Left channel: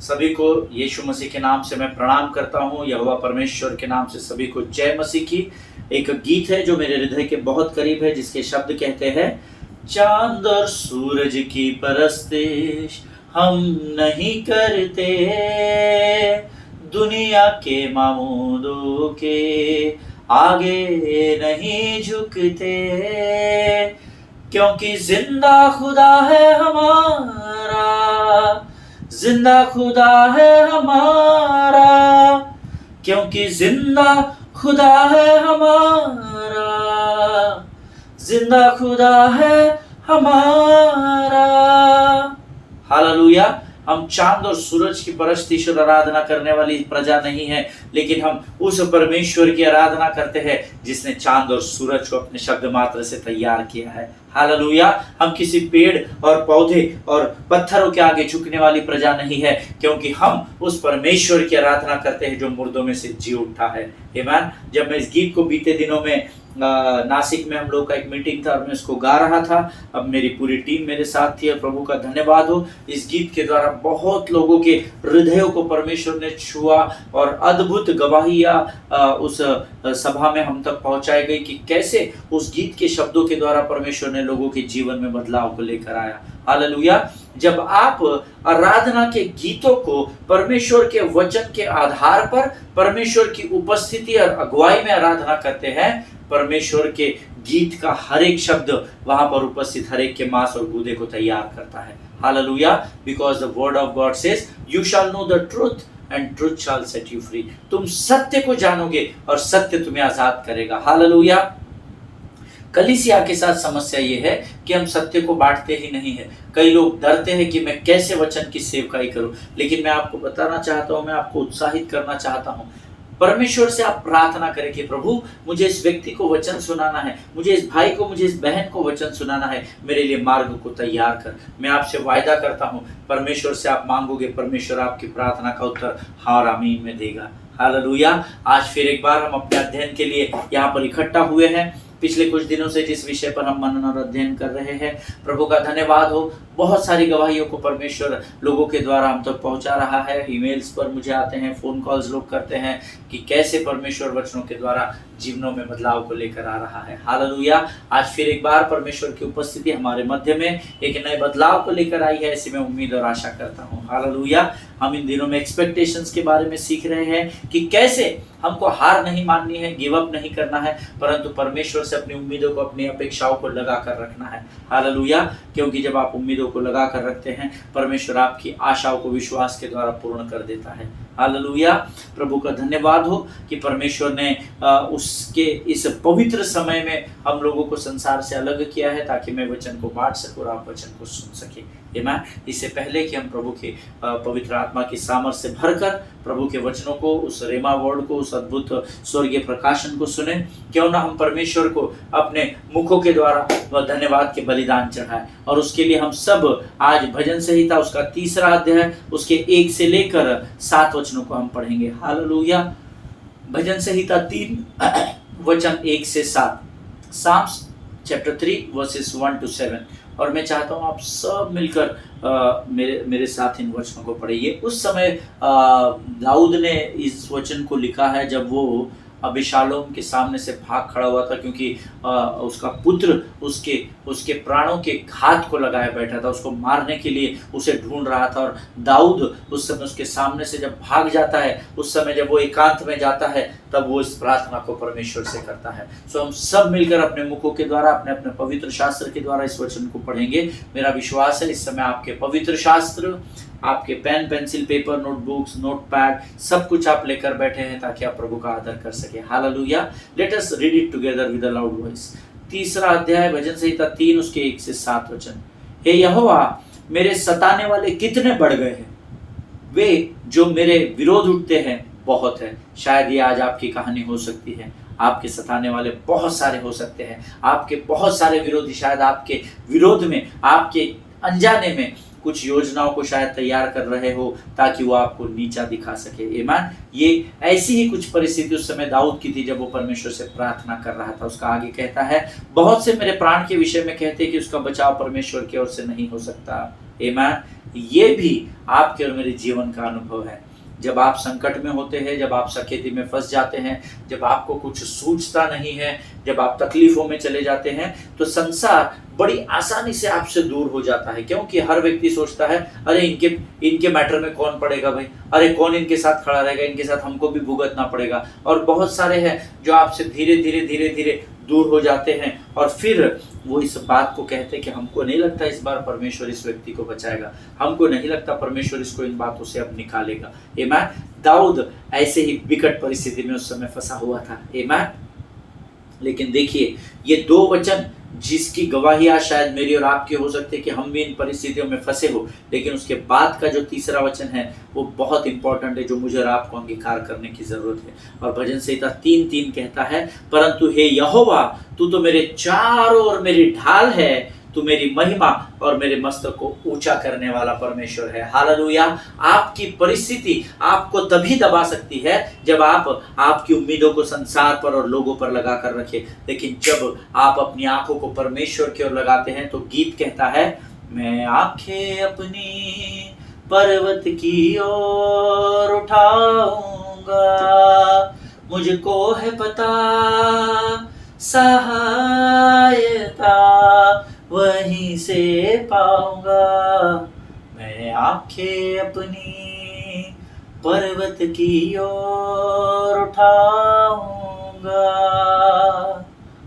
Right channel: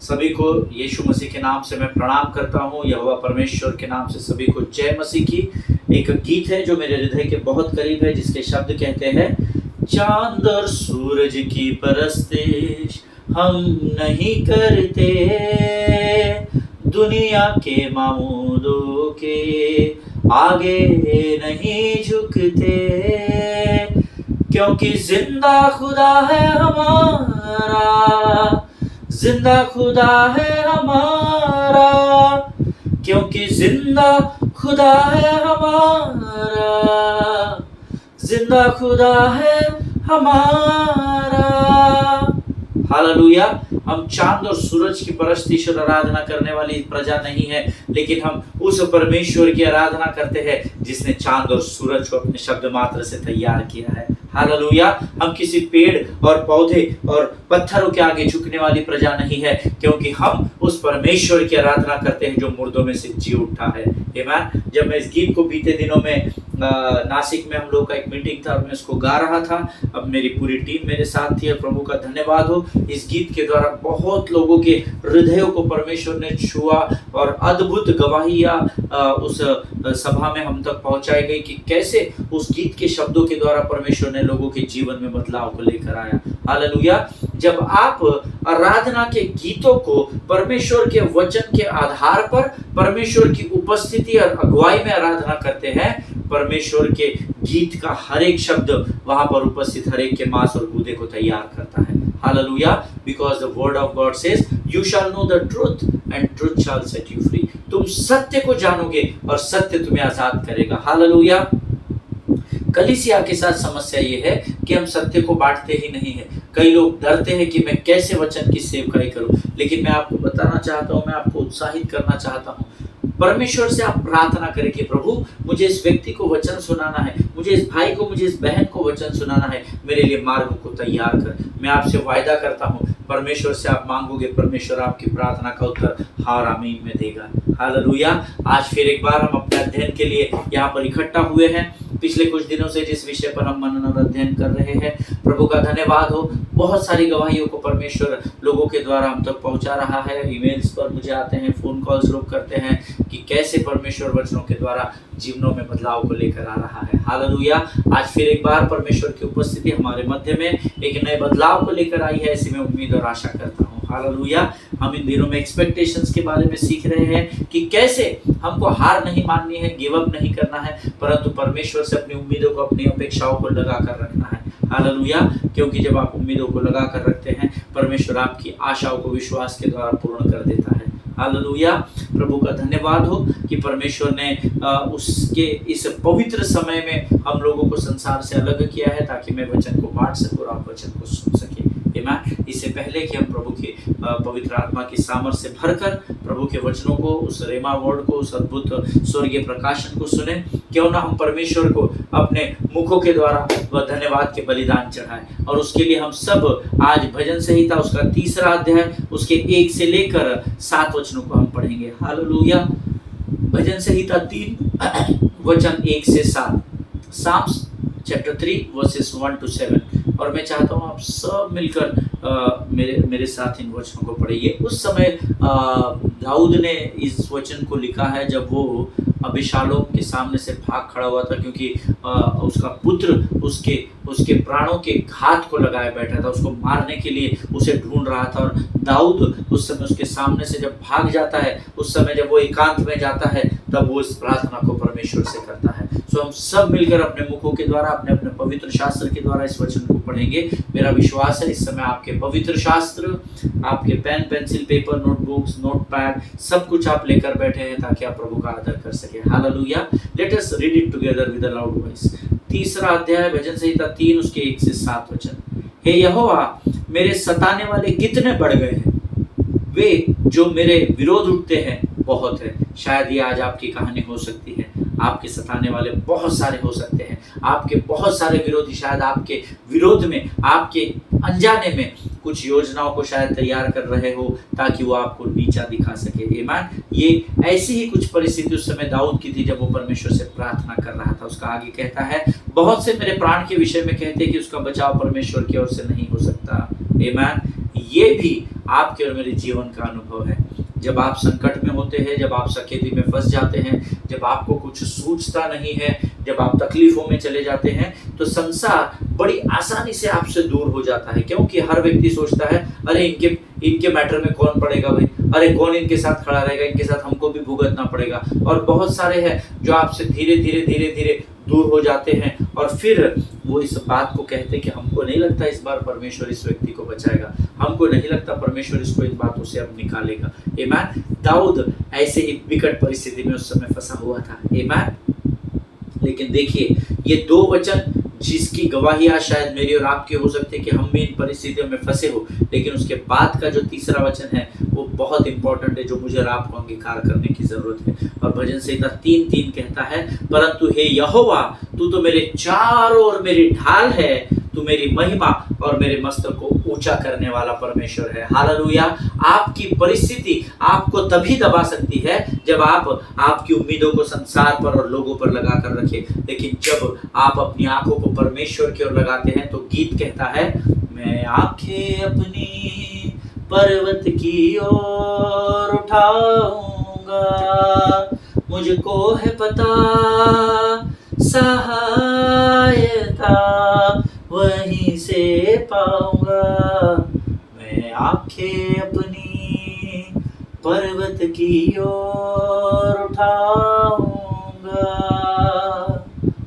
सभी को यीशु मसीह के नाम से मैं प्रणाम करता हूँ। यहोवा परमेश्वर के नाम से सभी को जय मसीह की। एक गीत है जो मेरे हृदय के बहुत करीब है, जिसके शब्द कहते हैं, चांद और सूरज की परस्तिश हम नहीं करते, दुनिया के मामूदों के आगे नहीं झुकते, क्योंकि जिंदा खुदा है हमारा, जिंदा खुदा है हमारा, क्योंकि जिंदा खुदा है हमारा, जिंदा खुदा है हमारा। हालेलुया। हम चांद और सूरज की परस्तिश और आराधना करने वाली प्रजा नहीं है, लेकिन हम उस परमेश्वर की आराधना करते हैं जिसने चांद और सूरज को अपने शब्द मात्र से तैयार किया है। हालेलुया। हम किसी पेड़ और पौधे और पत्थरों के आगे झुकने वाली प्रजा नहीं है, क्योंकि हम उस परमेश्वर की आराधना करते हैं जो मुर्दों में से जी उठा है। आमीन। जब मैं इस गीत को बीते दिनों में नासिक में हम लोग का एक मीटिंग था और मैं इसको गा रहा था, अब मेरी पूरी टीम मेरे साथ थी और प्रभु का धन्यवाद हो, इस गीत के द्वारा बहुत लोगों के हृदयों को परमेश्वर ने छुआ और अद्भुत गवाहियां उस सभा में हम तक पहुंचाई गई कि कैसे उस गीत के शब्दों के द्वारा परमेश्वर ने लोगों के जीवन में बदलाव को लेकर आया। हालेलुया। जब आप आराधना के गीतों को परमेश्वर के वचन के आधार पर परमेश्वर की उपस्थिति और अगुवाई में आराधना करते हैं, परमेश्वर के गीत का हर एक शब्द वहां पर उपस्थित हर एक के मांस और गूदे को तैयार करता है। Hallelujah. Because the word of God says you shall know the truth and truth shall set you free. तुम सत्य को जानोगे और सत्य तुम्हें आजाद करेगा। हालेलुया। कलीसिया के साथ समस्या ये है कि हम सत्य को बांटते ही नहीं है। कई लोग डरते हैं कि मैं कैसे वचन की सेवकाई करूं, लेकिन मैं आपको बताना चाहता हूं, मैं आपको उत्साहित करना चाहता हूं, परमेश्वर से आप प्रार्थना करें कि प्रभु मुझे इस व्यक्ति को वचन सुनाना है, मुझे इस भाई को, मुझे इस बहन को वचन सुनाना है, मेरे लिए मार्ग को तैयार कर। मैं आपसे वायदा करता हूँ, परमेश्वर से आप मांगोगे, परमेश्वर आपकी प्रार्थना का उत्तर हाँ और आमीन में देगा। हालेलुया। आज फिर एक बार हम अपने अध्ययन के लिए यहाँ पर इकट्ठा हुए हैं। पिछले कुछ दिनों से जिस विषय पर हम मनन और अध्ययन कर रहे हैं, प्रभु का धन्यवाद हो, बहुत सारी गवाहियों को परमेश्वर लोगों के द्वारा हम तक पहुंचा रहा है। ईमेल्स पर मुझे आते हैं, फोन कॉल्स लोग करते हैं कि कैसे परमेश्वर वचनों के द्वारा जीवनों में बदलाव को लेकर आ रहा है। हालेलुया। आज फिर एक बार परमेश्वर की उपस्थिति हमारे मध्य में एक नए बदलाव को लेकर आई है, ऐसी मैं उम्मीद और आशा करता हूँ। हालेलुया। हम इन दिनों में एक्सपेक्टेशंस के बारे में सीख रहे हैं कि कैसे हमको हार नहीं माननी है, गिव अप नहीं करना है, परंतु परमेश्वर से अपनी उम्मीदों को, अपनी अपेक्षाओं को लगा कर रखना है। हालेलुया। क्योंकि जब आप उम्मीदों को लगा कर रखते हैं, परमेश्वर आपकी आशाओं को विश्वास के द्वारा पूर्ण कर देता है। हालेलुया। प्रभु का धन्यवाद हो कि परमेश्वर ने उसके इस पवित्र समय में हम लोगों को संसार से अलग किया है, ताकि मैं वचन को बांट सकूं और आप वचन को सुन सके। आमीन। इससे पहले कि हम प्रभु के पवित्र आत्मा की सामर्थ्य से भरकर प्रभु के वचनों को, उस रेमा वर्ड को, उस अद्भुत स्वर्गीय प्रकाशन को सुने, क्यों ना हम परमेश्वर को अपने मुखों के द्वारा वह धन्यवाद के बलिदान चढ़ाएं। और उसके लिए हम सब आज भजन संहिता उसका 3रा अध्याय उसके 1 से लेकर 7 वचनों को हम पढ़ेंगे। हालेलुया। भजन संहिता 3 वचन 1 से 7, साम्स चैप्टर 3 वर्सेस 1 to 7। और मैं चाहता हूँ आप सब मिलकर मेरे साथ इन वचनों को पढ़िए। उस समय दाऊद ने इस वचन को लिखा है जब वो अबीशालोम के सामने से भाग खड़ा हुआ था, क्योंकि उसका पुत्र उसके प्राणों के घात को लगाए बैठा था, उसको मारने के लिए उसे ढूंढ रहा था। और दाऊद उस समय उसके सामने से जब भाग जाता है, उस समय जब वो एकांत में जाता है, तब वो इस प्रार्थना को परमेश्वर से करता है। सो हम सब मिलकर अपने मुखों के द्वारा, अपने अपने पवित्र शास्त्र के द्वारा इस वचन को पढ़ेंगे। मेरा विश्वास है इस समय आपके पवित्र शास्त्र, आपके pen, pencil, paper, notebooks, notepad सब कुछ आप लेकर बैठे हैं, ताकि आप प्रभु का आदर कर सके। Hallelujah. Let us read it together with a loud voice. 3रा अध्याय भजन संहिता 3 उसके 1 से 7 वचन। हे यहोवा, मेरे सताने वाले कितने बढ़ गए हैं, वे जो मेरे विरोध उठते हैं बहुत है। शायद ये आज आपकी कहानी हो सकती है। आपके सताने वाले बहुत सारे हो सकते हैं, आपके बहुत सारे विरोधी शायद आपके विरोध में, आपके अनजाने में कुछ योजनाओं को शायद तैयार कर रहे हो, ताकि वो आपको नीचा दिखा सके। आमीन। ये ऐसी ही कुछ परिस्थिति उस समय दाऊद की थी जब वो परमेश्वर से प्रार्थना कर रहा था। उसका आगे कहता है, बहुत से मेरे प्राण के विषय में कहते हैं कि उसका बचाव परमेश्वर की ओर से नहीं हो सकता। आमीन। ये भी आपके और मेरे जीवन का अनुभव है। जब आप संकट में होते हैं, जब आप सकेती में फंस जाते हैं, जब आपको कुछ सूझता नहीं है, जब आप तकलीफों में चले जाते हैं, तो संसार बड़ी आसानी से आपसे दूर हो जाता है। क्योंकि हर व्यक्ति सोचता है, अरे इनके मैटर में कौन पड़ेगा भाई, अरे कौन इनके साथ खड़ा रहेगा, इनके साथ हमको भी भुगतना पड़ेगा। और बहुत सारे हैं जो आपसे धीरे धीरे दूर हो जाते हैं, और फिर वो इस बात को कहते हैं कि हमको नहीं लगता इस बार परमेश्वर इस व्यक्ति को बचाएगा, हमको नहीं लगता परमेश्वर इसको इन बातों से अब निकालेगा। आमीन। दाऊद ऐसे ही विकट परिस्थिति में उस समय फंसा हुआ था। आमीन। लेकिन देखिए, ये दो वचन जिसकी गवाही आज शायद मेरी और आपकी हो सकती है कि हम भी इन परिस्थितियों में फंसे हो, लेकिन उसके बाद का जो तीसरा वचन है वो बहुत इंपॉर्टेंट है, जो मुझे और आपको अंगीकार करने की जरूरत है। और भजन संहिता 3:3 कहता है, परंतु हे यहोवा, तू तो मेरे चारों ओर मेरी ढाल है, तू मेरी महिमा और मेरे मस्तक को ऊंचा करने वाला परमेश्वर है। हालेलुया। आपकी परिस्थिति आपको तभी दबा सकती है जब आप आपकी उम्मीदों को संसार पर और लोगों पर लगा कर रखें, लेकिन जब आप अपनी आंखों को परमेश्वर की ओर लगाते हैं, तो गीत कहता है, मैं आंखें अपनी पर्वत की ओर उठाऊंगा, मुझको है पता सहायता वहीं से पाऊंगा। मैं आंखें अपनी पर्वत की ओर उठाऊंगा।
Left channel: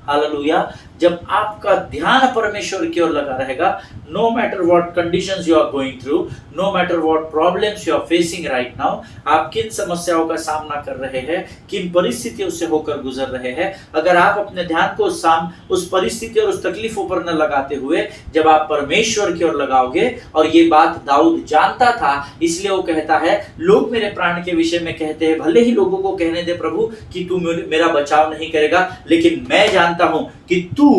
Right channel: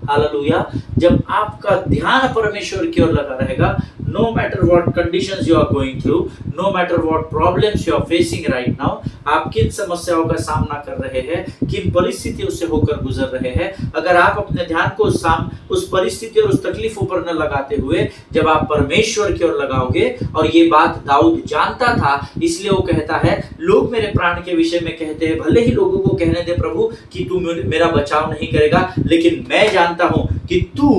हालेलुया। जब आपका ध्यान परमेश्वर की ओर लगा रहेगा, no matter what conditions you are going through, no matter what problems you are facing right now, आप किन समस्याओं का सामना कर रहे हैं, किन परिस्थितियों से होकर गुजर रहे हैं, अगर आप अपने ध्यान को उस परिस्थिति और उस तकलीफों पर न लगाते हुए जब आप परमेश्वर की ओर लगाओगे, और ये बात दाऊद जानता था, इसलिए वो कहता है, लोग मेरे प्राण के विषय में कहते हैं, भले ही लोगों को कहने दे प्रभु कि तू मेरा बचाव नहीं करेगा, लेकिन मैं जानता हूं कि तू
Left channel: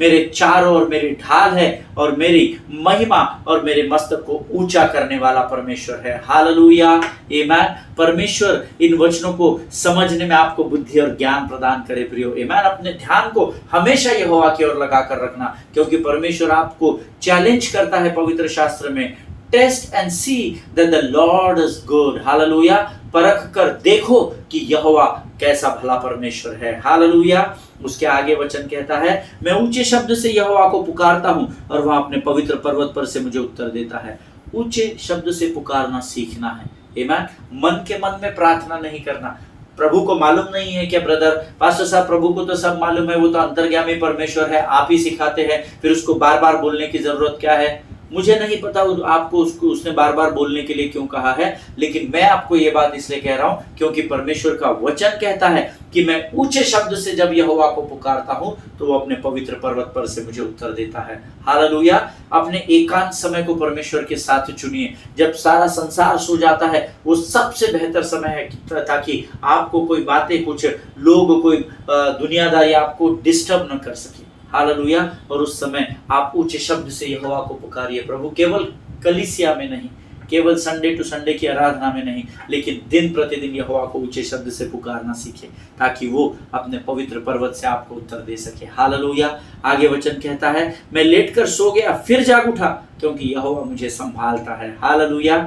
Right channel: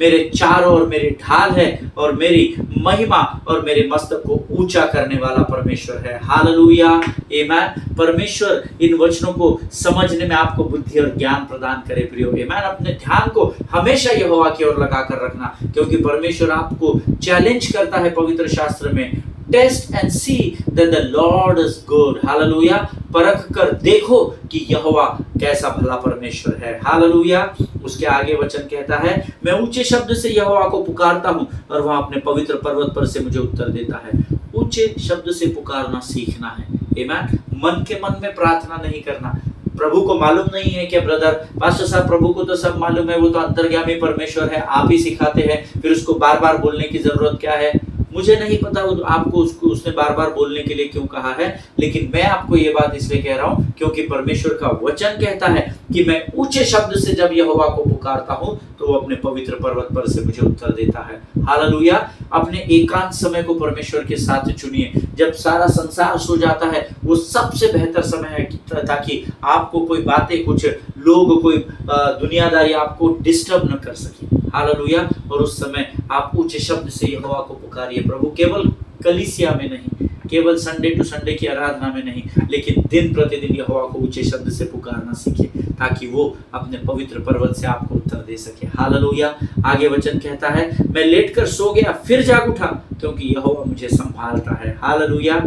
मेरे चारों ओर मेरी ढाल है और मेरी महिमा और मेरे मस्तक को ऊंचा करने वाला परमेश्वर है। हालेलुया। आमीन। परमेश्वर इन वचनों को समझने में आपको बुद्धि और ज्ञान प्रदान करे प्रियो। आमीन। अपने ध्यान को हमेशा यहोवा की ओर लगा कर रखना, क्योंकि परमेश्वर आपको चैलेंज करता है पवित्र शास्त्र में, taste and see that the Lord is good. Hallelujah. परख कर देखो कि यहोवा कैसा भला परमेश्वर है। हालेलुया। उसके आगे वचन कहता है, मैं ऊंचे शब्द से यहोवा को पुकारता हूं और वह अपने पवित्र पर्वत पर से मुझे उत्तर देता है। ऊंचे शब्द से पुकारना सीखना है। आमीन। मन के मन में प्रार्थना नहीं करना। प्रभु को मालूम नहीं है क्या ब्रदर, पास्टर साहब प्रभु को तो सब मालूम है, वो तो अंतर्यामी परमेश्वर है, आप ही सिखाते हैं, फिर उसको बार बार बोलने की जरूरत क्या है। मुझे नहीं पता आपको उसने बार बार बोलने के लिए क्यों कहा है, लेकिन मैं आपको ये बात इसलिए कह रहा हूं क्योंकि परमेश्वर का वचन कहता है कि मैं ऊंचे शब्द से जब यहोवा को पुकारता हूं तो वो अपने पवित्र पर्वत पर से मुझे उत्तर देता है। हालेलुया। अपने एकांत समय को परमेश्वर के साथ चुनिए। जब सारा संसार सो जाता है, वो सबसे बेहतर समय है ताकि आपको कोई बातें, कुछ लोग, कोई दुनियादारी आपको डिस्टर्ब न कर सके। हालेलुया। और उस समय आप ऊंचे शब्द से यहोवा को पुकारिए प्रभु, केवल कलीसिया में नहीं, केवल संडे टू संडे की आराधना में नहीं, लेकिन दिन प्रतिदिन यहोवा को ऊंचे शब्द से पुकारना सीखे, ताकि वो अपने पवित्र पर्वत से आपको उत्तर दे सके। हालेलुया। आगे वचन कहता है, मैं लेटकर सो गया फिर जाग उठा, क्योंकि यहोवा मुझे संभालता है। हालेलुया।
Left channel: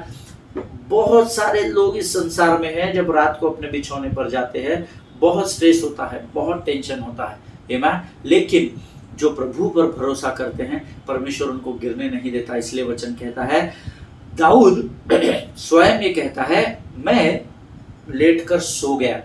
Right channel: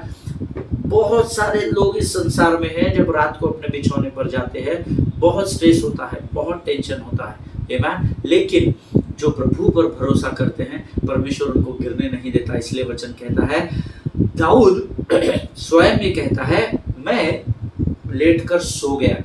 बहुत सारे लोग इस संसार में हैं, जब रात को अपने बिछौने पर जाते हैं, बहुत स्ट्रेस होता है, बहुत टेंशन होता है। आमीन। लेकिन जो प्रभु पर भरोसा करते हैं, परमेश्वर उनको गिरने नहीं देता। इसलिए वचन कहता है, दाऊद स्वयं ये कहता है, मैं लेटकर सो गया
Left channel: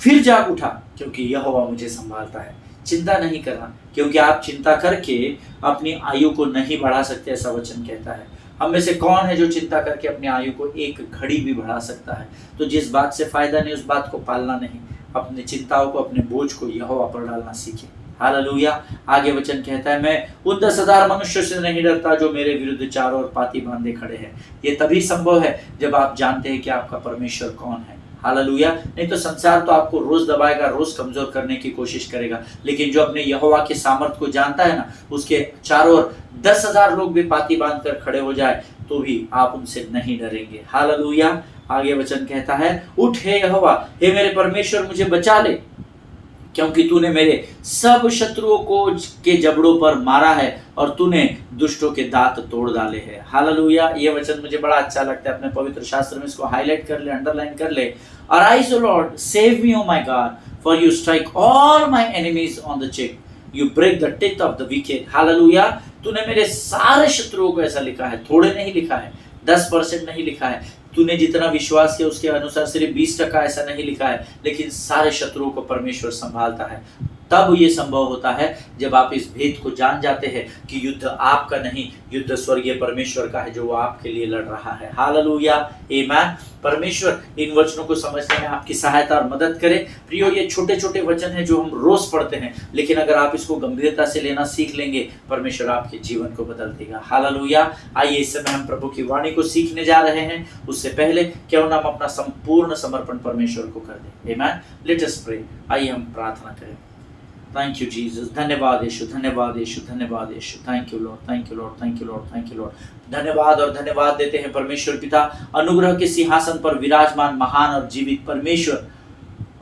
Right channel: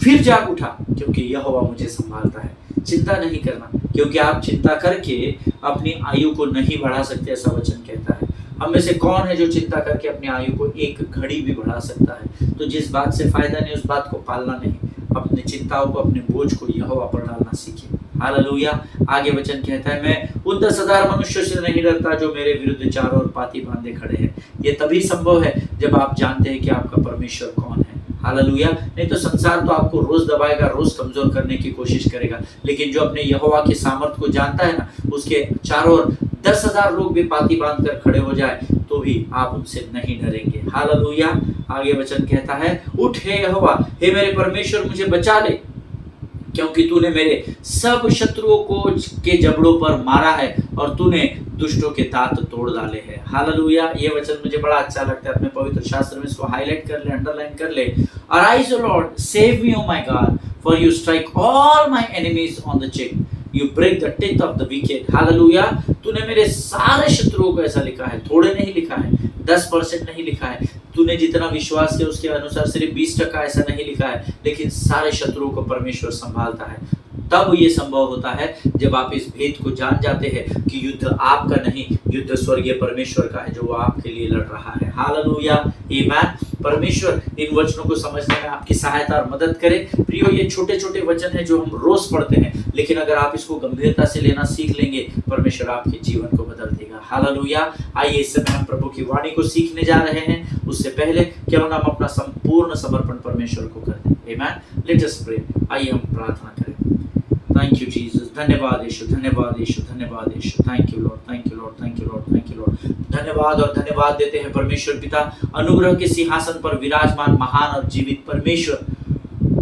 फिर जाग उठा, क्योंकि यहोवा मुझे संभालता है। चिंता नहीं करना, क्योंकि आप चिंता करके अपनी आयु को नहीं बढ़ा सकते, ऐसा वचन कहता है। हम में से कौन है जो चिंता करके अपनी आयु को एक घड़ी भी बढ़ा सकता है। तो जिस बात से फायदा नहीं, उस बात को पालना नहीं। अपनी चिंताओं को, अपने बोझ को यहोवा पर डालना सीखे। हालेलुया। आगे वचन कहता है, मैं उन 10,000 मनुष्यों से नहीं डरता जो मेरे विरुद्ध चारों ओर पाती बांधे खड़े हैं। ये तभी संभव है जब आप जानते हैं कि आपका परमेश्वर कौन है। हालेलुया। नहीं तो संसार तो आपको रोज दबाएगा, रोज कमजोर करने की कोशिश करेगा, लेकिन जो अपने यहोवा के सामर्थ को जानता है ना, उसके चारों ओर 10,000 लोग भी पाती बांध कर खड़े हो जाए तो भी आप उनसे नहीं डरेंगे। हालेलुया। आगे वचन कहता है, उठ हे यहोवा, हे मेरे परमेश्वर मुझे बचा ले, क्योंकि तूने मेरे सब शत्रुओं को के जबड़ों पर मारा है और तूने दुष्टों के दांत तोड़ डाले हैं। हालेलुया। ये वचन मुझे बड़ा अच्छा लगता है, अपने पवित्र शास्त्र में इसको हाईलाइट कर ले, अंडरलाइन कर ले। Arise O Lord, save me O my God, for you strike all my enemies on the cheek, you break the teeth of the wicked. Hallelujah. तूने मेरे सारे शत्रुओं को, ऐसा लिखा है, थोड़े नहीं लिखा है, 10% नहीं लिखा है, तूने जितना विश्वास किया उसके अनुसार सिर्फ 20% ऐसा नहीं लिखा है, लेकिन सारे शत्रुओं को परमेश्वर संभालता है। तब ये संभव होता है जब आप इस भेद को जान जाते हैं कि युद्ध आपका नहीं, युद्ध स्वर्गीय परमेश्वर का है जो वो आपके लिए लड़ रहा है। हालेलुया, आमीन। परमेश्वर इन वचनों को समझने में आपकी सहायता और मदद करे। प्रियो, ये छोटे छोटे वचन हैं जो हम रोज पढ़ते हैं, लेकिन अगर आप इसको गंभीरता से लेना सीख लेंगे, परमेश्वर आपके जीवन को बदल देगा। हालेलुया। आइए इस समय हम प्रभु की वाणी को सीखने जा रहे हैं। उससे पहले क्यों ना हम अपना संपूर्ण समर्पण परमेश्वर को कर दें। आमीन। Let us pray. आइए हम प्रार्थना करें। Thank you Jesus. धन्यवाद यीशु, धन्यवाद यीशु, धन्यवाद Yeshu. Thank you Lord, thank you Lord, thank you Lord, thank you Lord. धन्यवाद और धन्यवाद देते हैं परमेश्वर पिता, अनुग्रह के सिंहासन पर विराजमान महान और जीवित परमेश्वर,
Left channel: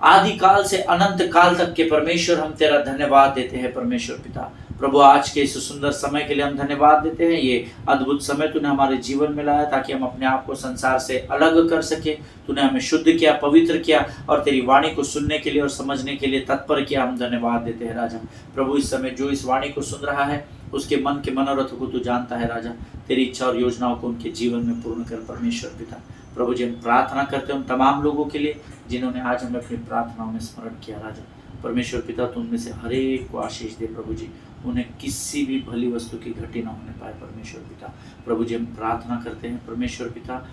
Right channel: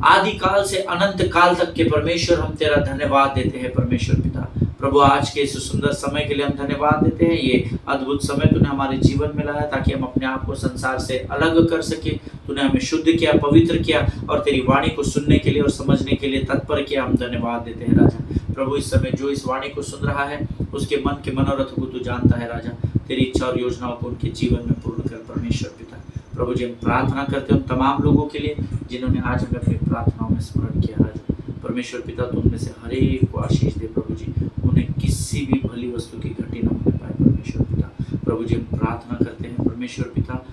आदि काल से अनंत काल तक के परमेश्वर, हम तेरा धन्यवाद देते हैं परमेश्वर पिता। प्रभु, आज के इस सुंदर समय के लिए हम धन्यवाद देते हैं। ये अद्भुत समय तूने हमारे जीवन में लाया ताकि हम अपने आप को संसार से अलग कर सके। तूने हमें शुद्ध किया, पवित्र किया और तेरी वाणी को सुनने के लिए और समझने के लिए तत्पर किया। हम धन्यवाद देते हैं राजा। प्रभु, इस समय जो इस वाणी को सुन रहा है उसके मन के मनोरथ को तू जानता है राजा। तेरी इच्छा और योजनाओं को उनके जीवन में पूर्ण कर परमेश्वर पिता। प्रभु जी, हम प्रार्थना करते हैं उन तमाम लोगों के लिए जिन्होंने आज हमें अपनी प्रार्थनाओं में स्मरण किया राजा। परमेश्वर पिता, तुम में से हर एक को आशीष दे प्रभु जी, उन्हें किसी भी भली वस्तु की घटी न होने पाए परमेश्वर पिता। प्रभु जी, हम प्रार्थना करते हैं परमेश्वर पिता,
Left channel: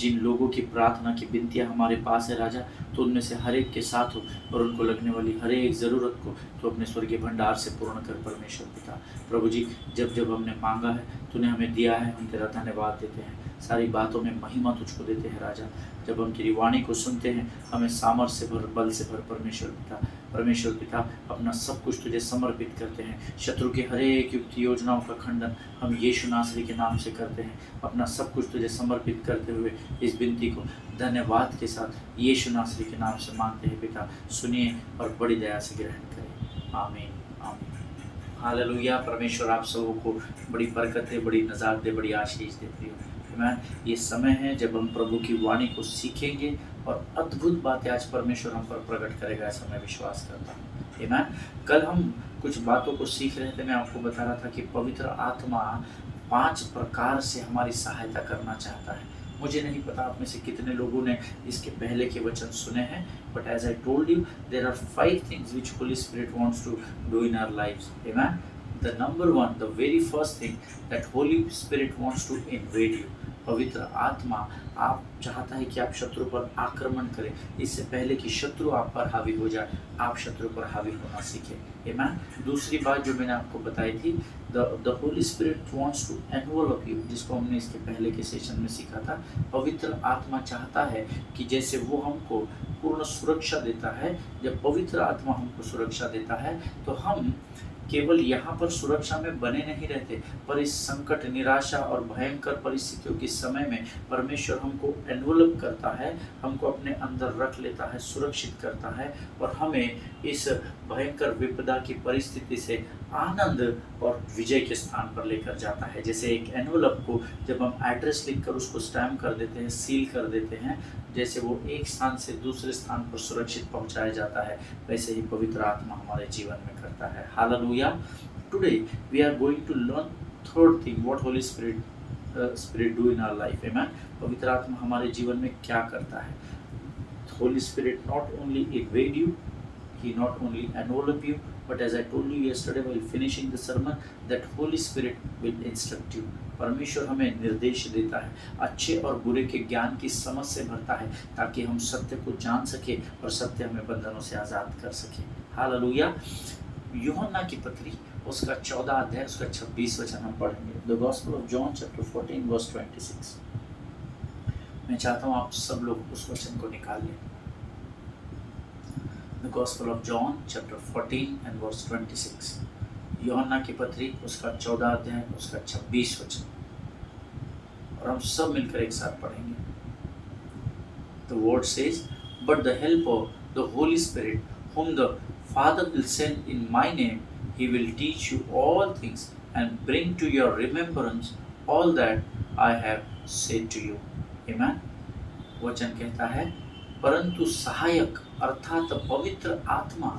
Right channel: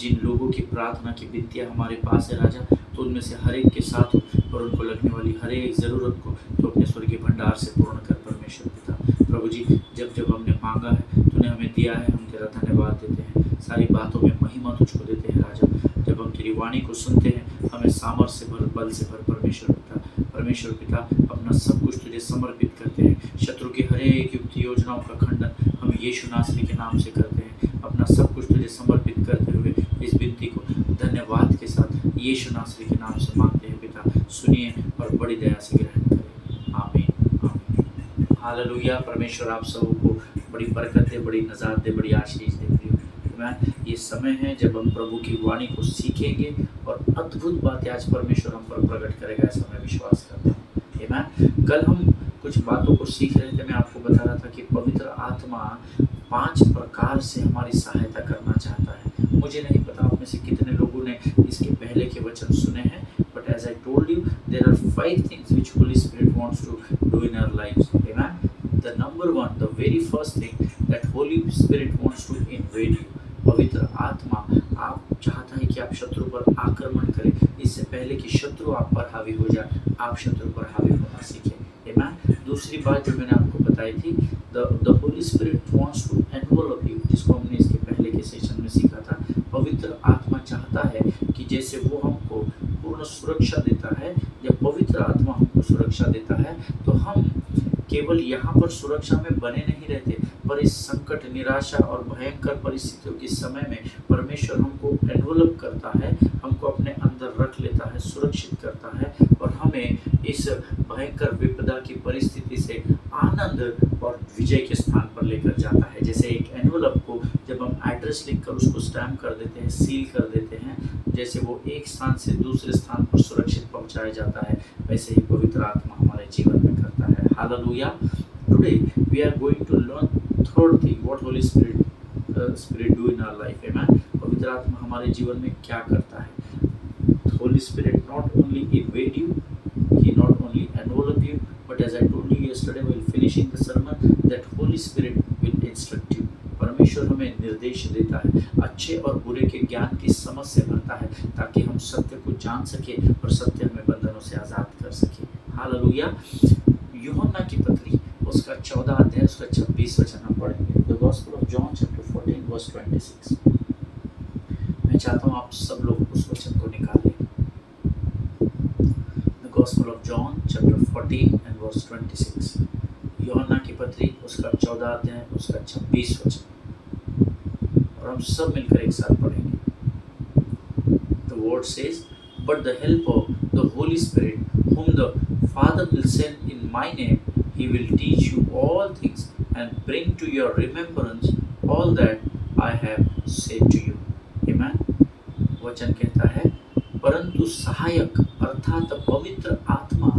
जिन लोगों की प्रार्थना की विनतियाँ हमारे पास है राजा, तो उनमें से हर एक के साथ हो और उनको लगने वाली हर एक ज़रूरत को तो अपने स्वर्गीय भंडार से पूर्ण कर परमेश्वर पिता। प्रभु जी, जब जब हमने मांगा है तूने हमें दिया है, हम तेरा धन्यवाद देते हैं। सारी बातों में महिमा तुझको देते हैं राजा। जब हम तेरी वाणी को सुनते हैं, हमें सामर्थ्य से भर, बल से भर परमेश्वर पिता। परमेश्वर पिता, अपना सब कुछ तुझे समर्पित करते हैं। शत्रु की हर एक युक्ति योजनाओं का खंडन हम यीशु नासरी के नाम से करते हैं। अपना सब कुछ तुझे समर्पित करते हुए इस विनती को धन्यवाद के साथ यीशु नासरी के नाम से मांगते हैं पिता। सुनिए और बड़ी दया से ग्रहण करें। आमीन, आमीन। हालेलुया। परमेश्वर आप सबों को बड़ी बरकत दे, बड़ी नजात दे, बड़ी आशीष दे। प्रियो, ये समय है जब हम प्रभु की वाणी को सीखेंगे और अद्भुत बातें आज परमेश्वर हम पर प्रकट करेगा, ऐसा मैं विश्वास करता हूँ। आमीन। कल हम कुछ बातों को सीख रहे थे। मैं आपको बता रहा था कि पवित्र आत्मा 5 प्रकार से हमारी सहायता करना चाहता है। मुझे नहीं पता आप में से कितने लोगों ने इसके पहले के वचन सुने हैं, but as I told you, there are 5 things which holy spirit wants to do in our lives. आमीन। The number 1, the very first thing that holy spirit wants to invade you. पवित्र आत्मा आप चाहता है कि आप शत्रु पर आक्रमण करें। इससे पहले कि शत्रु आप पर हावी हो जाए, आप शत्रु पर हावी होना सीखें। आमीन। दूसरी बात जो मैंने आपको बताई थी, the Holy spirit wants to envelop you, जिसको हमने इसके पहले के सेशन में सीखा था। पवित्र आत्मा चाहता है कि जैसे वो हमको पूर्ण सुरक्षा देता है, जब पवित्र आत्मा हमको सुरक्षा देता है तो हम केवल यहाँ पर सुरक्षा में बने नहीं रहते, पर इस संकट, निराशा और भयंकर परिस्थितियों के समय में परमेश्वर हमको एनवलप करता है, हमको अपने अंदर रख लेता है, सुरक्षित करता है और हमें इस भयंकर विपदा की परिस्थिति से आनंद और विजय के स्थान पर लेकर जाता है। जैसे एक एनवलप को जब हम एड्रेस लिखकर उसको स्टैम्प कर देते हैं, सील कर देते हैं, जैसे वो एक स्थान से दूसरे स्थान पर सुरक्षित पहुंचाया जाता है, वैसे ही पवित्र आत्मा हमारे जीवन में करता है। Hallelujah. Today we are going to learn third thing, what Holy Spirit do in our life. Amen. पवित्र आत्मा हमारे जीवन में क्या करता है? Holy Spirit not only invade you, He not only envelop you, but as I told you yesterday while finishing the sermon, that Holy Spirit will instruct you. परमेश्वर हमें निर्देश देता है, अच्छे और बुरे के ज्ञान की समझ से भरता है ताकि हम सत्य को जान सके और सत्य हमें बंधनों से आज़ाद कर सके। हालेलुया। यूहन्ना की पत्री उसका 14 अध्याय उसका 26 वचन हम पढ़ेंगे। The gospel of John chapter 14 verse 26। मैं चाहता हूँ आप सब लोग उस वचन को निकाल लें। The gospel of John chapter 14 and verse 26। यूहन्ना की पत्री उसका 14 अध्याय उसका 26 वचन, और हम सब मिलकर एक साथ पढ़ेंगे। The word says, but the helper, the Holy spirit, whom the Father will send in my name, he will teach you all things and bring to your remembrance all that I have said to you. Amen. वचन कहता है, परंतु सहायक अर्थात पवित्र आत्मा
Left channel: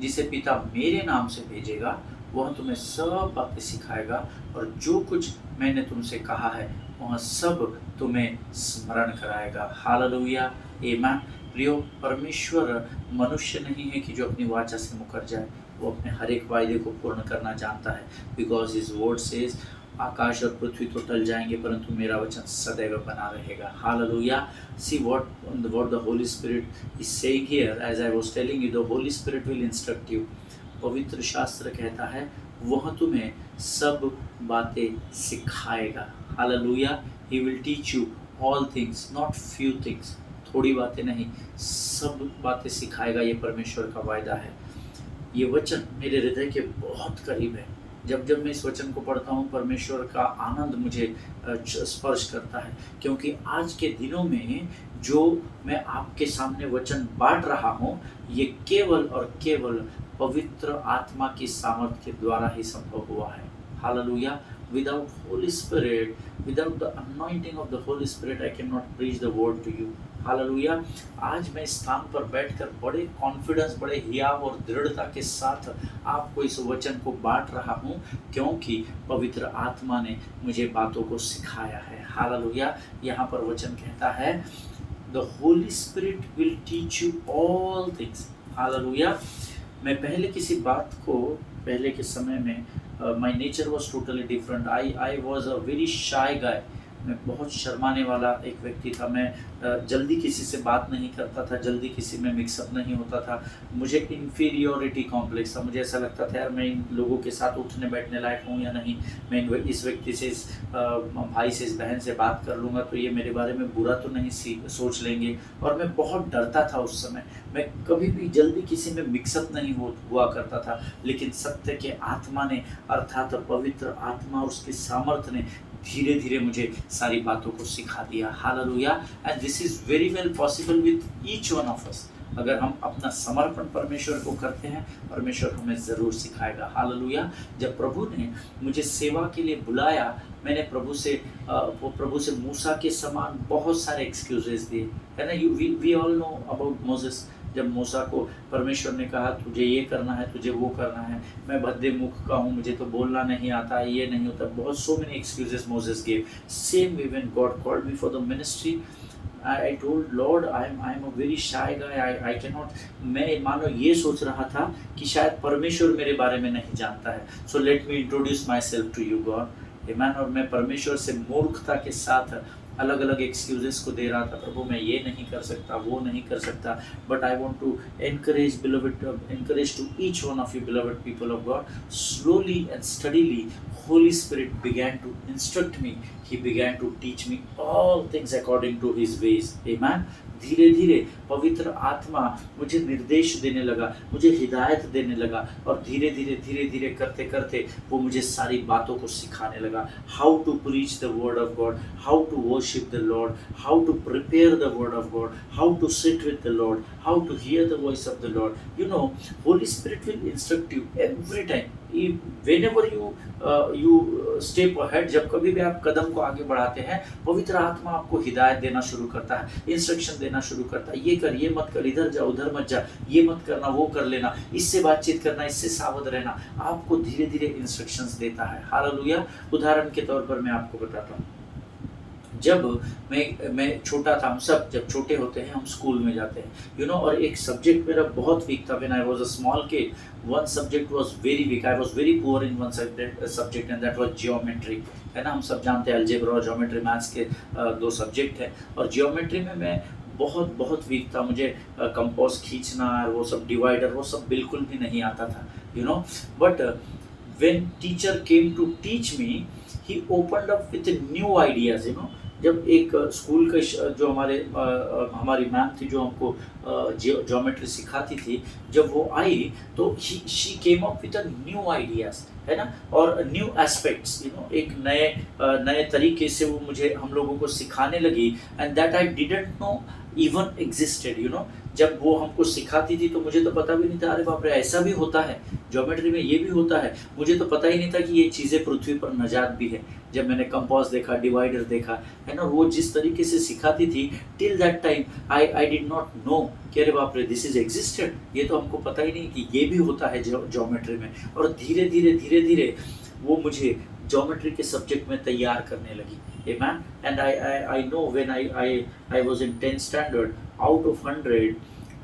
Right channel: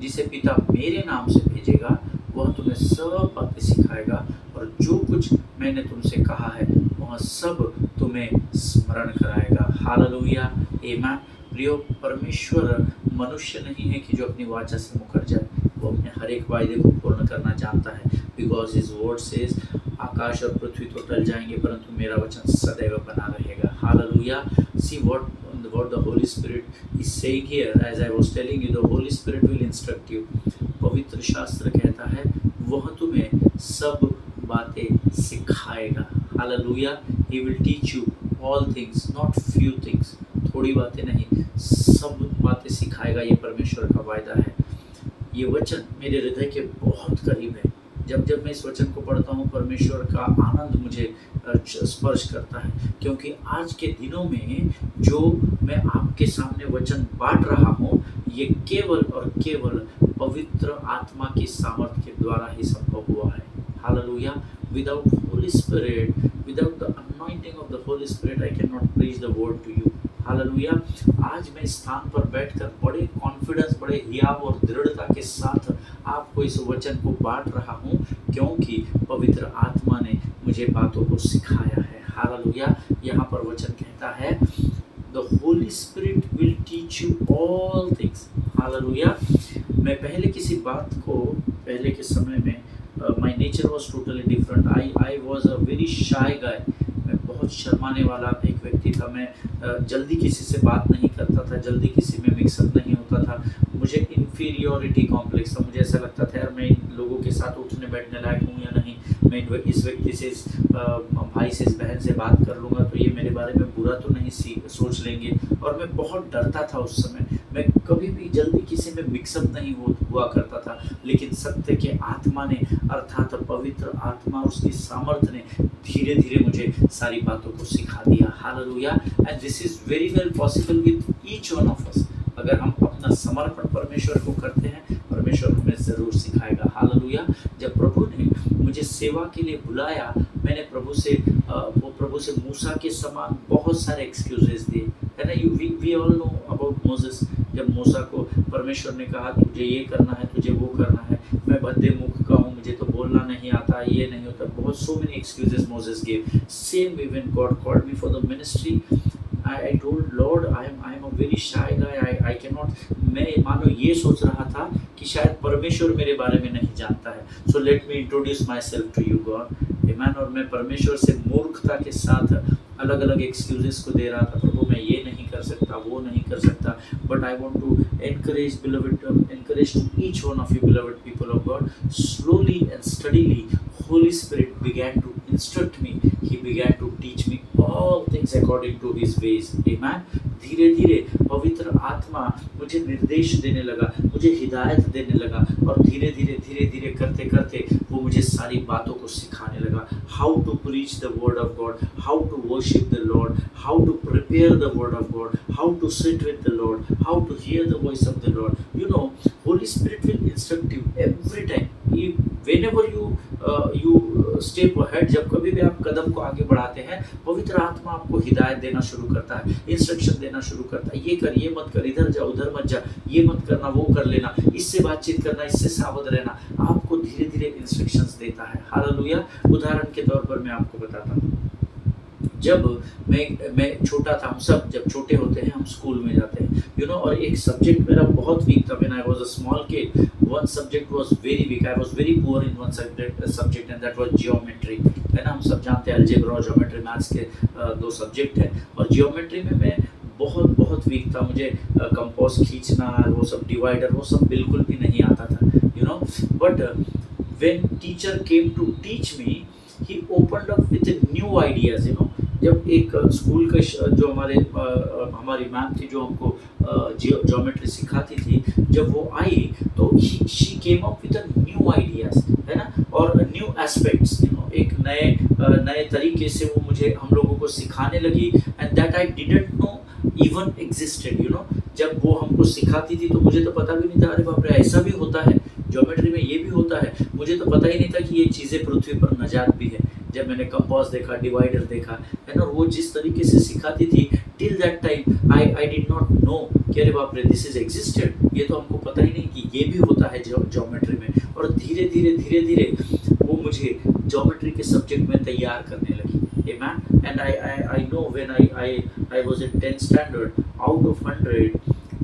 जिसे पिता मेरे नाम से भेजेगा, वह तुम्हें सब बातें सिखाएगा और जो कुछ मैंने तुमसे कहा है वह सब तुम्हें स्मरण कराएगा। हालेलुया, आमीन। प्रियो, परमेश्वर मनुष्य नहीं है कि जो अपनी वाचा से मुकर जाए, वो अपने हर एक वायदे को पूर्ण करना जानता है। बिकॉज हिज वर्ड सेज, आकाश और पृथ्वी तो टल जाएंगे परंतु मेरा वचन सदैव बना रहेगा। Hallelujah. See what the Holy Spirit is saying here, as I was telling you, the Holy Spirit will instruct you. पवित्र शास्त्र कहता है वह तुम्हें सब बातें सिखाएगा। Hallelujah. He will teach you all things, not few things. थोड़ी बातें नहीं, सब बातें सिखाएगा। ये परमेश्वर का वायदा है। ये वचन मेरे हृदय के बहुत करीब है। जब मैं इस वचन को पढ़ता हूँ, परमेश्वर का आनंद मुझे स्पर्श करता है, क्योंकि आज के दिनों में जो मैं आपके सामने वचन बांट रहा हूँ, ये केवल और केवल पवित्र आत्मा की सामर्थ्य के द्वारा ही संभव हुआ है। Hallelujah. Without Holy Spirit, without the anointing of the Holy Spirit, I cannot preach the word to you. Hallelujah. आज मैं इस स्थान पर बैठकर बड़े कॉन्फिडेंस, बड़े हियाव और दृढ़ता के साथ आपको इस वचन को बांट रहा हूँ, क्योंकि पवित्र आत्मा ने मुझे बातों को सिखाया है। हालेलुया। यहाँ पर वचन कहता है, The Holy Spirit will teach you all things. Hallelujah. मैं पहले किसी बात को, पहले के समय में my nature was totally different. I was a very shy guy. मैं बहुत शर्माने वाला एक व्यक्ति था। मैं जल्दी किसी से बात नहीं करता था, जल्दी किसी में मिक्सअप नहीं होता था। मुझे इन्फीरियोरिटी कॉम्प्लेक्स था। मुझे ऐसा लगता था यार मैं इन लोगों के साथ उठने बैठने लायक हूँ या नहीं, मैं इस व्यक्ति से, इस भाई से, इस बहन से बात कर लूँगा तो ये मेरे बारे में बुरा तो नहीं सोच लेंगे। और मैं बहुत डरता था उस समय। मैं कभी भी जल्दी किसी में मिक्सअप नहीं हुआ करता था। लेकिन सत्य के आत्मा ने, अर्थात पवित्र आत्मा, उसकी सामर्थ्य ने धीरे धीरे मुझे सारी बातों को सिखा दिया। Hallelujah. And this is very well possible with each one of us. अगर हम अपना समर्पण परमेश्वर को करते हैं, परमेश्वर हमें ज़रूर सिखाएगा। हालेलुया। जब प्रभु ने मुझे सेवा के लिए बुलाया, मैंने प्रभु से मूसा के समान बहुत सारे एक्सक्यूजेस दिए, है ना। We all know about Moses. जब मूसा को परमेश्वर ने कहा तुझे ये करना है, तुझे वो करना है, मैं भद्दे मुख का हूँ, मुझे तो बोलना नहीं आता, ये नहीं होता, बहुत so many excuses Moses gave. Same way when God called me for the ministry, I told Lord, I am a very shy guy. I cannot. मैं मानो ये सोच रहा था कि शायद परमेश्वर मेरे बारे में नहीं जानता है। So let me introduce myself to you, God. Amen. और मैं परमेश्वर से मूर्खता के साथ अलग अलग एक्सक्यूजेस को दे रहा था। प्रभु मैं ये नहीं कर सकता, वो नहीं कर सकता। But I want to encourage to each one of you beloved people of God. Slowly and steadily, Holy Spirit began to instruct me. He began to teach me all things according to His ways. Amen. धीरे धीरे पवित्र आत्मा मुझे निर्देश देने लगा, मुझे हिदायत देने लगा, और धीरे धीरे करते करते वो मुझे सारी बातों को सिखाने लगा। How to preach the word of God, how to worship the Lord, how to prepare the word of God, how to sit with the Lord, how to hear the voice of the Lord. You know, Holy Spirit will instruct you every time. Whenever you step ahead, जब कभी भी आप कदम को आगे बढ़ाते हैं, पवित्र आत्मा आपको हिदायत देना शुरू करता है, इंस्ट्रक्शन देना शुरू करता है। ये कर, ये मत कर, इधर जा, उधर मत जा, ये मत करना, वो कर लेना, इससे बातचीत करना, इससे सावध रहना। आपको धीरे धीरे इंस्ट्रक्शंस देता है। हालेलुया। उदाहरण के तौर पर मैं आपको बताता हूँ, जब मैं छोटा था, हम सब जब छोटे होते हैं हम स्कूल में जाते हैं, यू नो, और एक सब्जेक्ट मेरा बहुत वीक था। When I was a small kid, one subject was very weak. I was very poor in one subject and that was geometry, है ना। हम सब जानते हैं अलजेब्रा और ज्योमेट्री मैथ्स के दो सब्जेक्ट है, और जियोमेट्री में मैं बहुत वीक था। मुझे कंपास खींचना, वो सब डिवाइडर, वो सब बिल्कुल भी नहीं आता था, you know. But when teacher came to teach me, he opened up with new ideas, you know. जब एक स्कूल का जो हमारी मैम थी जो हमको ज्योमेट्री सिखाती थी, जब वो आई तो she came up with new ideas, है ना, और न्यू एस्पेक्ट्स, यू नो। एक नए तरीके से वो मुझे हम लोगों को सिखाने लगी, and that I didn't know even existed, जब वो हमको सिखाती थी तो मुझे तो पता भी नहीं था, अरे बाप रे ऐसा भी होता है, ज्योमेट्री में ये भी होता है। मुझे तो पता ही नहीं था कि ये चीज़ें पृथ्वी पर नजात भी है। जब मैंने कंपास देखा, डिवाइडर देखा, है ना, वो जिस तरीके से सिखाती थी, till that time I did not know कि अरे बाप रे दिस इज एग्जिस्टेड, ये तो हमको पता ही नहीं कि ये भी होता है ज्योमेट्री में। और धीरे धीरे वो मुझे ज्योमेट्री के सब्जेक्ट में तैयार करने लगी। Amen. And I know when I was in 10th standard, out of 100,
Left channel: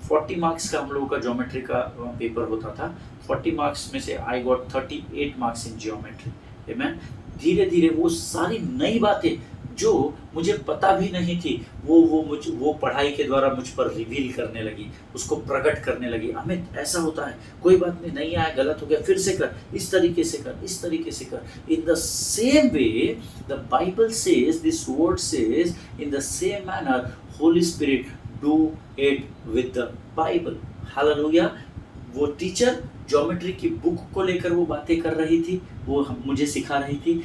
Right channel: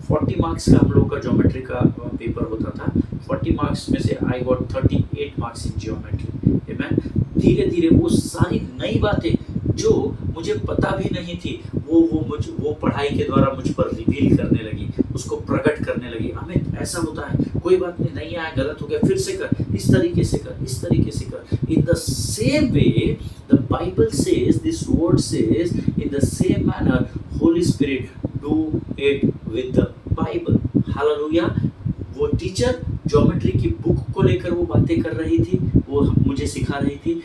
40 marks का हम लोगों का ज्योमेट्री का पेपर होता था। 40 मार्क्स में से I got 38 marks in geometry. Amen. धीरे धीरे वो सारी नई बातें जो मुझे पता भी नहीं थी, वो पढ़ाई के द्वारा मुझ पर रिवील करने लगी, उसको प्रकट करने लगी। अमित ऐसा होता है, कोई बात नहीं आया, गलत हो गया, फिर से कर, इस तरीके से कर, इस तरीके से कर। In the same way the Bible says, this word says, in the same manner Holi spirit do it with the Bible. Hallelujah. वो टीचर ज्योमेट्री की बुक को लेकर वो बातें कर रही थी, वो मुझे सिखा रही थी,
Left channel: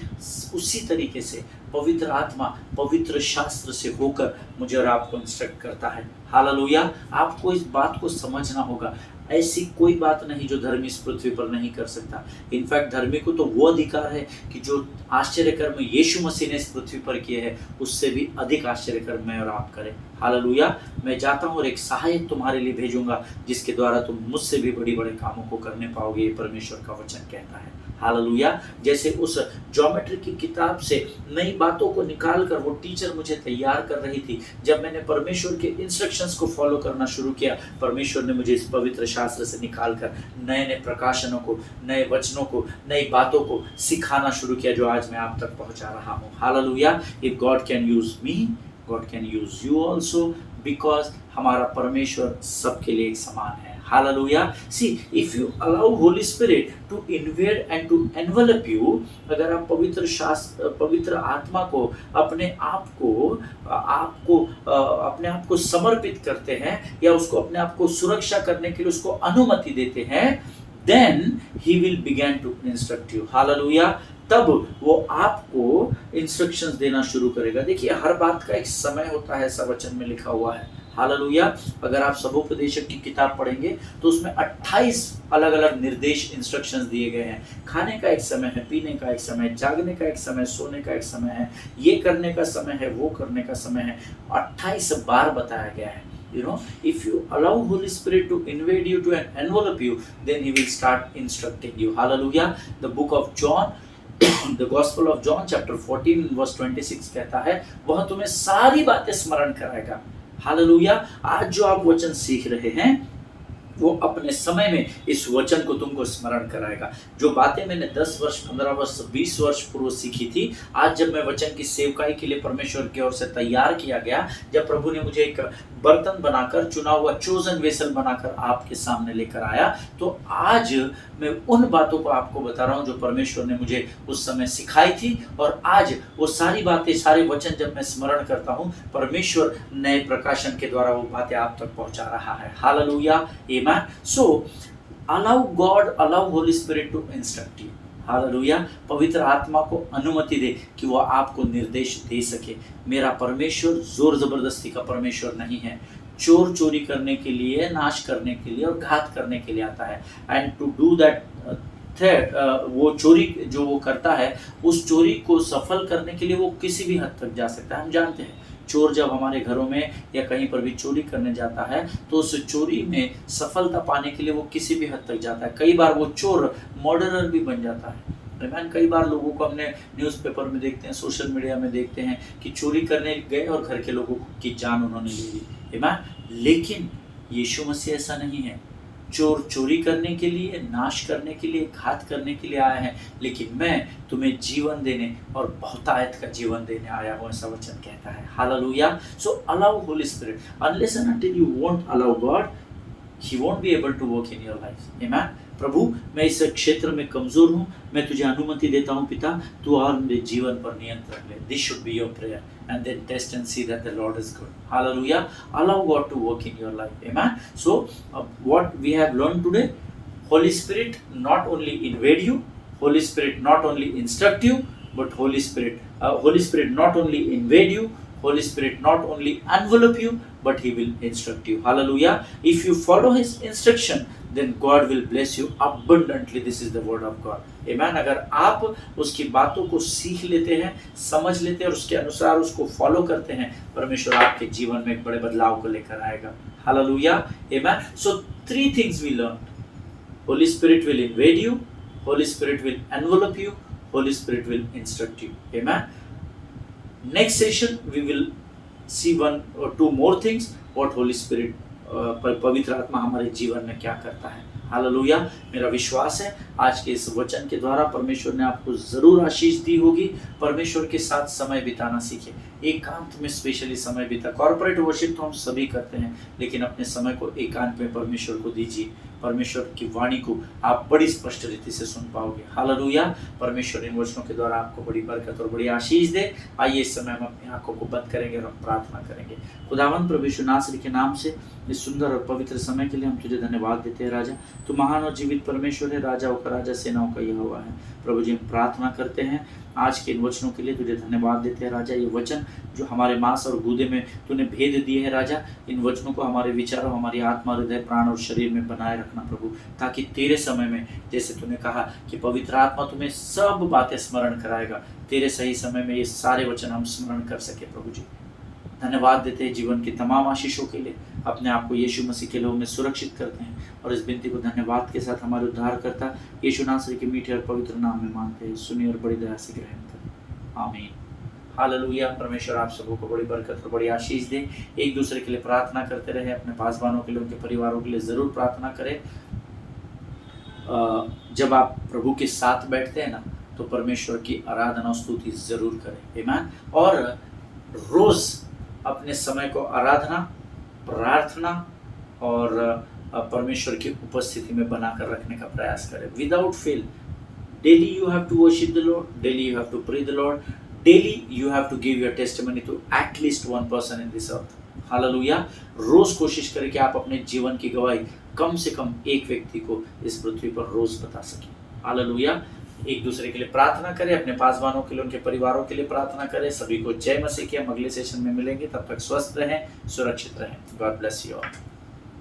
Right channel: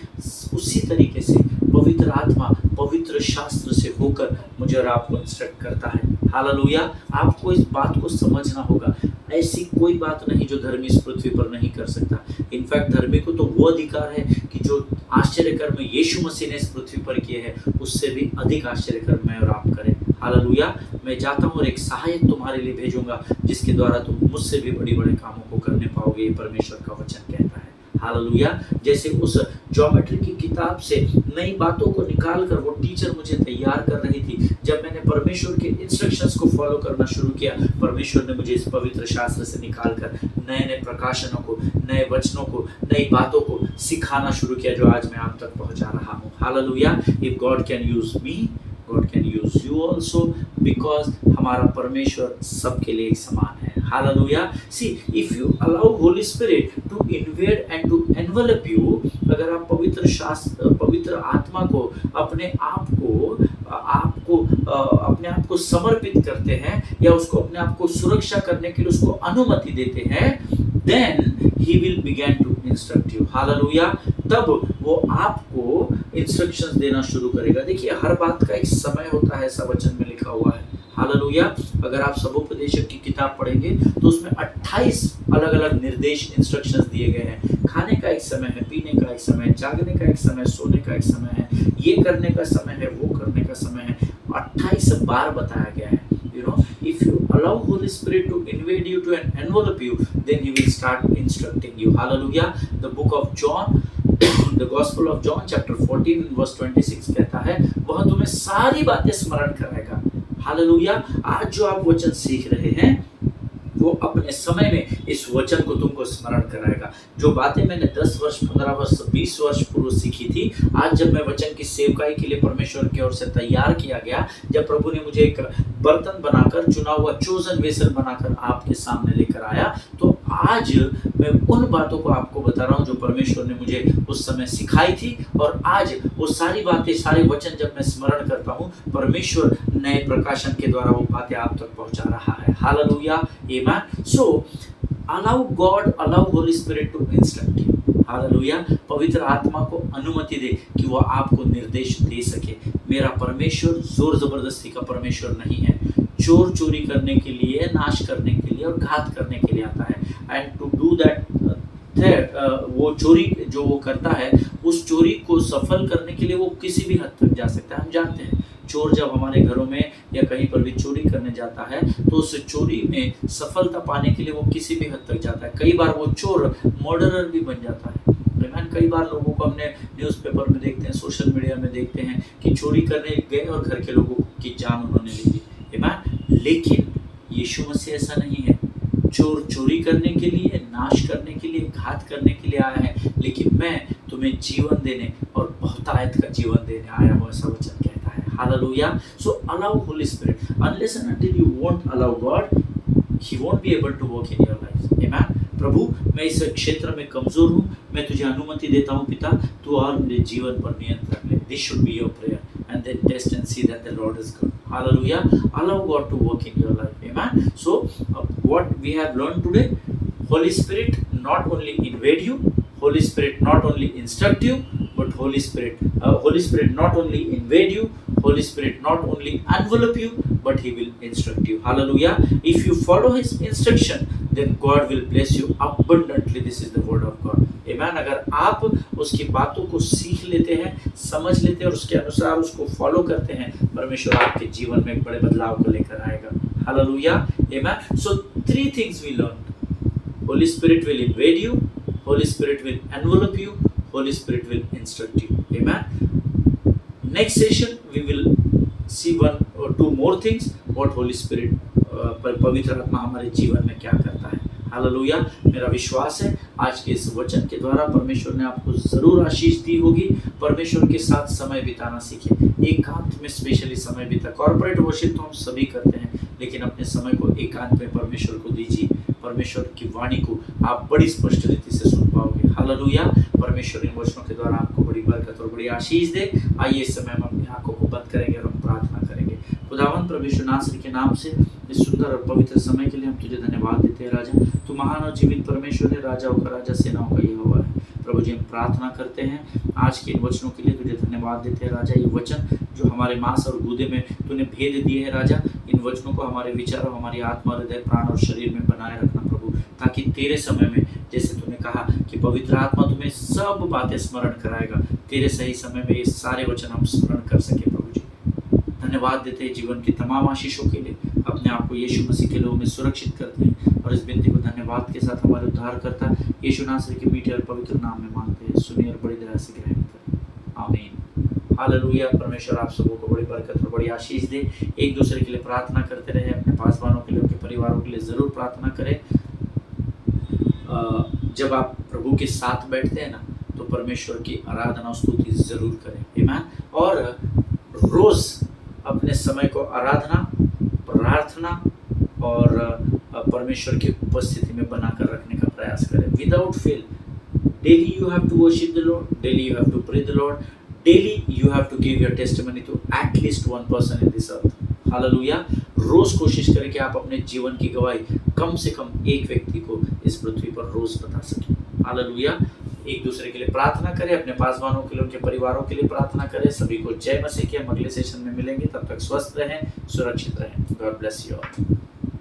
उसी तरीके से पवित्र आत्मा पवित्र शास्त्र से होकर मुझे और आपको इंस्ट्रक्ट करता है। हालेलुया। आपको इस बात को समझना होगा, ऐसी कोई बात नहीं जो धर्मी इस पृथ्वी पर नहीं कर सकता। इनफैक्ट धर्मी को तो वो अधिकार है कि जो आश्चर्य कर्म यीशु मसीह ने इस पृथ्वी पर किए हैं, उससे भी अधिक आश्चर्य कर्म मैं और आप करें। हालेलुया। मैं जाता हूँ और एक सहायक तुम्हारे लिए भेजूंगा, जिसके द्वारा तुम मुझसे भी बड़ी बड़े कामों को करने पाओगे, ये परमेश्वर का वचन कहता है। हालेलुया। जैसे उस ज्योमेट्री की किताब से नई बातों को निकाल कर वो टीचर मुझे तैयार कर रही थी, जब मैंने परमेश्वर के इंस्ट्रक्शंस को फॉलो करना शुरू किया, परमेश्वर ने मुझे इस पवित्र शास्त्र से निकाल कर नए नए प्रकाशनों को, नए वचनों को, नई बातों को सिखाना शुरू किया, जो आज मैं आप तक पहुंचा रहा हूँ। Hallelujah. If God can use me, God can use you also, because हमारा परमेश्वर सबके लिए एक समान है। Hallelujah. See, if you allow Holy Spirit to invade and to envelop you, अगर आप पवित्र आत्मा को अपने आप को समर्पित करते हैं, या उसको अपने आप को सुरक्षा करने के लिए उसको अनुमति देते हैं, then he will begin to instruct you. Hallelujah. तब वो आपको इंस्ट्रक्शंस देना शुरू करेगा। देखिए, हर बात का एक समय होता है, ऐसा वचन में लिखा हुआ है। हालेलुया। अगर आप सबोपदेशक की किताब पढ़ेंगे तो उसमें 28 अलग अलग निर्देश, इंस्ट्रक्शंस दिए गए हैं। खाने का एक समय है, पीने का एक समय है, जागने का एक समय, सोने का एक समय है, ये करने का समय है, वो करने का समय है, 28 बार बताया गया है। If you allow Holy Spirit to invade you, to envelop you, then He will start instructing you. Hallelujah. The book of John, the Gospel of John, chapter 14, verse 26 कहता है, वह तुम्हें सारी बातें स्मरण कराएगा। हालेलुया। आज जो आप वचन सीख रहे हैं, वो अपने समय में इस वचन को तुमको स्मरण कराएगा। जो बातें मैंने 10 वर्ष, 15 वर्ष, 20 वर्ष पूर्व सीखी थी, आज जब मैं वचन की सेवकाई के लिए परमेश्वर की ओर से तैयार किया गया, जब प्रभु ने मुझे एक बर्तन बनाकर, चुना हुआ चोजन वेसल बनाकर आपके सामने लेकर आया, तो आज मैं उन बातों को आपको बता रहा हूँ जो परमेश्वर ने मुझे उस समय सिखाई थी, और आज वो सारी बातें, सारे वचन जब मैं स्मरण करता हूँ, परमेश्वर नए प्रकाशन के द्वारा वो बातें आप तक पहुँचा रहा है। Hallelujah. So allow God, allow Holy Spirit to instruct you. Hallelujah. पवित्र आत्मा को अनुमति दे कि वो आपको निर्देश दे सके। मेरा परमेश्वर जोर जबरदस्ती का परमेश्वर नहीं है। चोर चोरी करने के लिए, नाश करने के लिए और घात करने के लिए आता है। एंड टू डू दैट, वो चोरी जो वो करता है, उस चोरी को सफल करने के लिए वो किसी भी हद तक जा सकता है। हम जानते हैं, चोर जब हमारे घरों में या कहीं पर भी चोरी करने जाता है, तो उस चोरी में सफलता पाने के लिए वो किसी भी हद तक जाता है। कई बार वो चोर मर्डरर भी बन जाता है। कई बार लोगों को हमने न्यूज़पेपर में देखते हैं, सोशल मीडिया में देखते हैं कि चोरी करने गए और घर के लोगों की जान उन्होंने ले ली। लेकिन यीशु मसीह ऐसा नहीं है। चोर चोरी करने के लिए, नाश करने के लिए, घात करने के लिए आया है, लेकिन मैं तुम्हें जीवन देने और बहुतायत का जीवन देने आया हूँ, ऐसा वचन कहता है। Hallelujah. So allow holy spirit, unless and until you won't allow God, he won't be able to work in your life. Amen. प्रभु, मैं इस क्षेत्र में कमजोर हूँ, मैं तुझे अनुमति देता हूँ पिता, तू और मेरे जीवन पर नियंत्रण ले। This should be your prayer, and then test and see that the Lord is good. Hallelujah. Allow God to work in your life. Amen. So what we have learned today, Holy Spirit not only invade you, Holy Spirit not only instruct you, but Holy Spirit not only invade you, Holy Spirit not only envelop you, but He will instruct you. Hallelujah. If you follow His instruction, then God will bless you abundantly. This is the word of God. Amen. अगर आप उसकी बातों को सीख लेते हैं, समझ लेते हैं और उसके अनुसार उसको फॉलो करते हैं, परमेश्वर आपके जीवन में एक बड़े बदलाव को लेकर आएगा. Hallelujah. Amen. So 3 things we learned. Holy Spirit will invade you, Holy Spirit will envelop you, Holy Spirit will instruct you. Amen. Next session we will see 1 or 2 more things what Holy Spirit पवित्र आत्मा हमारे जीवन में क्या करता है. Hallelujah. मेरा विश्वास है आज के इस वचन के द्वारा परमेश्वर ने आपको जरूर आशीष दी होगी. परमेश्वर के साथ समय बिताना सीखें, एकांत में स्पेशली समय बिता. कॉर्पोरेट वर्शिप तो हम सभी करते हैं, लेकिन अपने समय को एकांत में परमेश्वर को दीजिए. परमेश्वर की वाणी को आप बड़ी स्पष्ट रीति से सुन पाओगे. हालेलुया. परमेश्वर इन वचनों के द्वारा आपको बड़ी बरकत और बड़ी आशीष दे. आइए इस समय हम अपनी आंखों को बंद करेंगे और हम प्रार्थना करेंगे. खुदावंद प्रभु यीशु नासरी के नाम से इस सुंदर और पवित्र समय के लिए हम तुझे धन्यवाद देते हैं. राजा, तू महान और जीवित परमेश्वर है, राजाओं का राजा, सेनाओं का यहोवा है. प्रभु जी, हम प्रार्थना करते हैं आज के इन वचनों के लिए, तुझे धन्यवाद देते हैं. राजा, ये वचन जो हमारे मांस और गूदे में तूने भेद दिए हैं, राजा, इन वचनों को हमारे विचारों, हमारी आत्मा, हृदय, प्राण और शरीर में बनाए रखना प्रभु, ताकि तेरे समय में, जैसे तूने कहा कि पवित्र आत्मा तुम्हें सब बातें स्मरण कराएगा, तेरे सही समय में ये सारे वचन हम स्मरण कर सके. प्रभु जी, धन्यवाद देते हैं जीवन की तमाम आशीषों के लिए. अपने आप को यीशु मसीह के लोगों में सुरक्षित करते हैं और इस विनती को धन्यवाद के साथ हमारे उद्धारकर्ता यीशु नासरी के मीठे और पवित्र नाम में मांगते हैं. सुनिए और बड़ी दया से ग्रहण करें. आमीन. हालेलुया. परमेश्वर आप सबों को बड़ी बरकत और बड़ी आशीष दे. एक दूसरे के लिए प्रार्थना करते रहे. अपने पासवानों के लिए, उनके परिवारों के लिए ज़रूर प्रार्थना करें. जब आप प्रभु के साथ बैठते हैं ना, तो परमेश्वर की आराधना स्तुति ज़रूर करें. आमीन. और रोज़ अपने समय को आराधना, प्रार्थना और परमेश्वर की उपस्थिति में बनाकर रखने का प्रयास करें. Without fail, daily you have to worship the lord, daily you have to pray the lord, daily you have to give your testimony to at least 1 person in this earth. Hallelujah. रोज कोशिश करें कि आप अपने जीवन की गवाही कम से कम एक व्यक्ति को इस पृथ्वी पर रोज बता सकें. हालेलुया. एक दूसरे के लिए प्रार्थना करें, अपने पासवानों के लिए, उनके परिवारों के लिए प्रार्थना करें. सभी को जय मसीह की. हम अगले सेशन में मिलेंगे. तब तक स्वस्थ रहें, सुरक्षित रहें. God bless you all.